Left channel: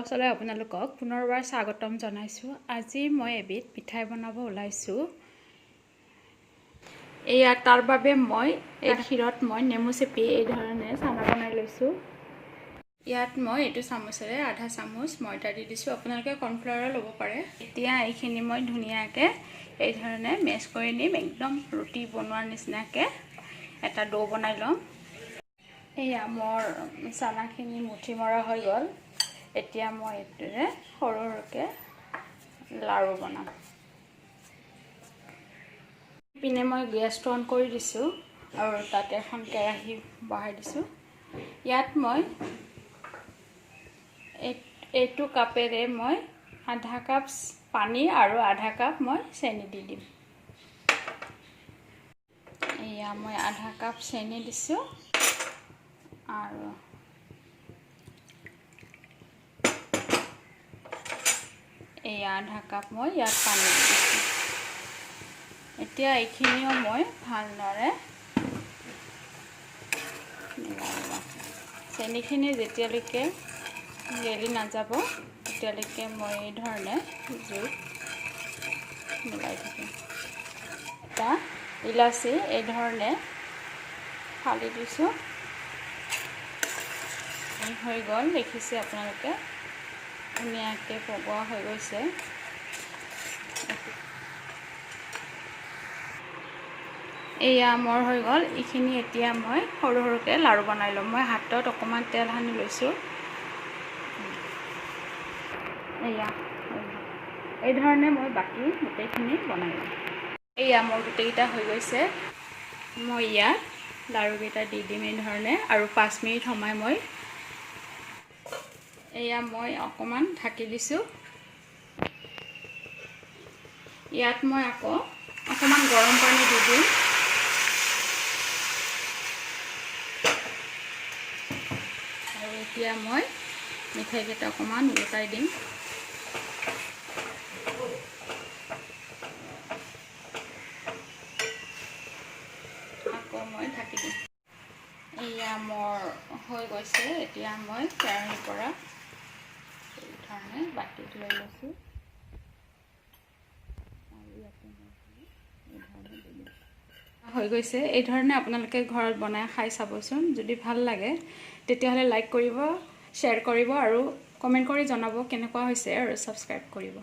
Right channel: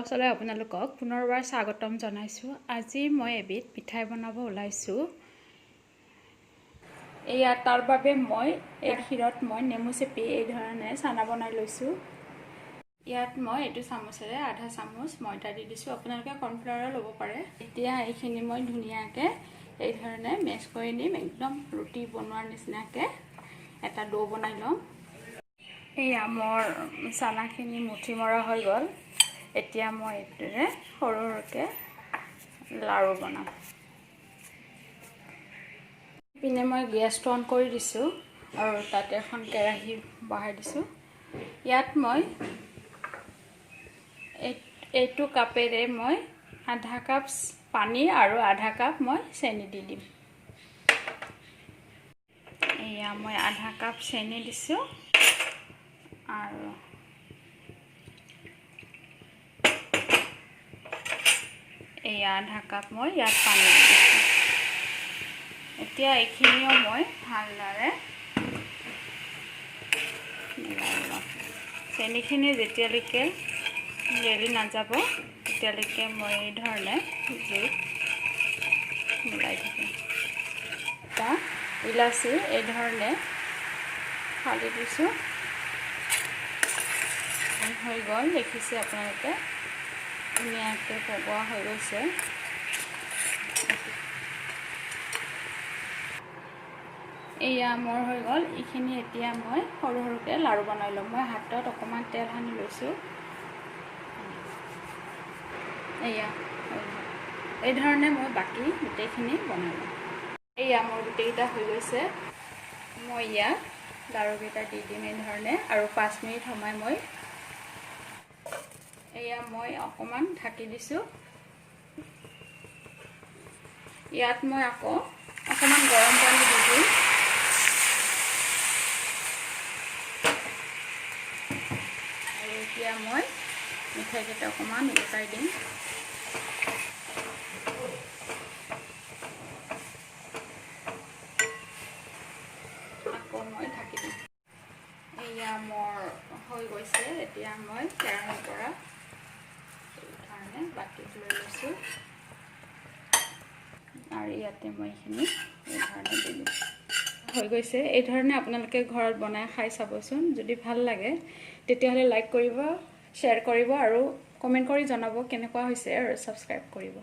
ব্লগছলৈ আপোনালোকক পুনৰবাৰ স্বাগতম জনাইছোঁ। আজি মই এবিধ পিঠাই বনাব ওলাইছোঁ। এয়া তাৰ বাবে মই এই ক্ষীৰত মই নেমু চেপি এই ধৰণে চানা বনাই লৈছোঁ। ইয়াত মই এইটো চামুচেৰে আধা চামুচ ময়দা দি দিছোঁ। আপোনালোকে কৰ্ণফ্লাৱাৰো ল'ব পাৰে। এতিয়া এইখিনি মই ধুনীয়াকৈ এই ধৰণে মেছ কৰি নিম। একদম ৰুটি বনোৱাৰ নিচিনাকৈ এটা ডো বনাই ল'ম। এয়া মোৰ চানাখিনি মুঠি মৰা হৈ গ'ল। এতিয়া মই এইটোৰে সৰু সৰুকৈ লাড়ু বনাম। পিনে মই গেছটো অন কৰি দিছোঁ আৰু তাতে এখন কেৰাহী বহাই দিছোঁ। ইয়াত মই এইটো কাপেৰে মই আধা কাপ পানী আৰু আধা কাপ মই চেনি দি দিম। এয়া মই আধা কাপ চেনি দিছোঁ আৰু এয়া আধা কাপ মই ইয়াত পানী দিছোঁ। এতিয়া এইখিনিও মই ভালদৰে মিলাই ল'ম। চেনিখিনি যেতিয়ালৈকে গেলি নাযাব তেতিয়ালৈকে মই এই ধৰণে জুইত মিলাই থাকিম। এটা ইলাচি এই ধৰণে ফালি দিছোঁ। হৈ গ'ল, দেখিছে আপোনালোকে ধুনীয়াকৈ পগোৱা হৈ গৈছে। এয়া মোৰ হৈ গ'ল। এইখিনি এতিয়া মই সৰু সৰুকৈ লাড়ু বনাই ল'ম। মই হাতত অকণমান তেল সানি লৈছোঁ। এয়া এই ধৰণে মই বাকী গোটেইখিনি বনাই ল'ম। এয়া মোৰ গোটেইকেইটা হৈ গৈছে। মই ইয়াত লাড়ুকেইটা দি দিম এই ধৰণে আৰু 5 মিনিট সময় মই অকণমান ঢাকি দিছোঁ। ইয়াত মই আকৌ অকণমান গৰম পানী দি দিম। আৰু এতিয়া মই মিঠাইকেইটা অকণমান উলটাই দিম। আকৌ মই ঢাকি দিম। এয়া মোৰ হৈ গৈছে। এতিয়া মই কেৰাহীৰ পৰা এই ধৰণে বাতিত লৈ লৈছোঁ আৰু ইয়াতে মই এইখিনি এই ধৰণে দি দিম। হৈ গৈছে। এই ধৰণে আপোনালোকে ঘৰত বনাই খাই চাবচোন। যদি ভাল লাগে তেতিয়াহ'লে লাইক কৰিব, শ্বেয়াৰ কৰিব আৰু কমেণ্ট কৰি জনাব কেনেকুৱা হৈছে আৰু ছাবস্ক্ৰাইব কৰিব।